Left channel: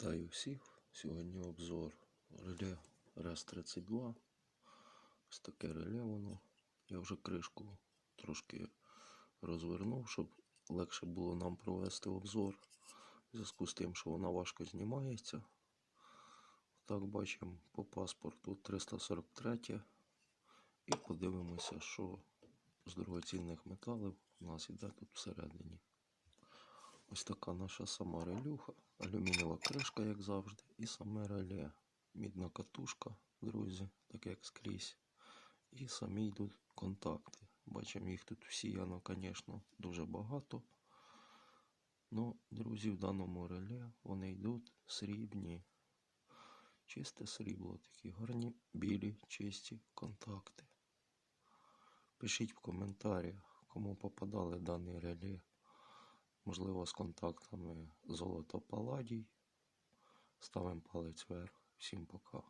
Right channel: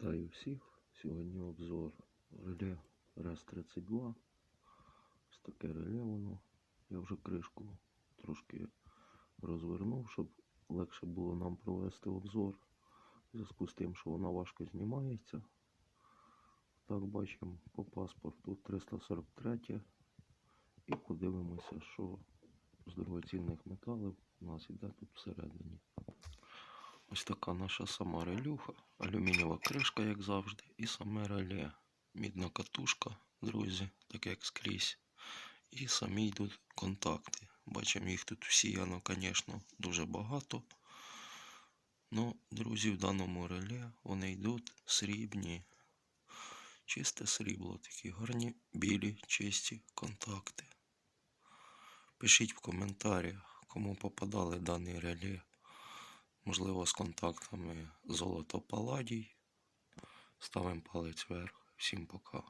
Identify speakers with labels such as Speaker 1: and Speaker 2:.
Speaker 1: Вітаю всіх. Сьогодні обзор реле РЕС-32. Ось таке реле воно. Я вже кришку трошки розвернув, щоб легше було нам провести обзор. В зв'язку з тим, що вона важко знімається. Так бачимо по паспорту 343. І подивимося, що з дорогоцінних металів у нас іде тут всередині. Ось така наша сама релюха, алюмінієва кришка, як завжди, і саме реле. Мідна катушка, друзі, так як скрізь. І самі йдуть контакти. Бачимо, їх тут всіяно, звісно, дуже багато. Ну, друзі, в даному реле вони йдуть срібні. Чисте срібло, такі гарні, білі, чисті контакти. Пишіть в коментарях, кому попадали дані реле. Можливо, з контактами золото паладій. Ставимо палець вверх. Всім пока.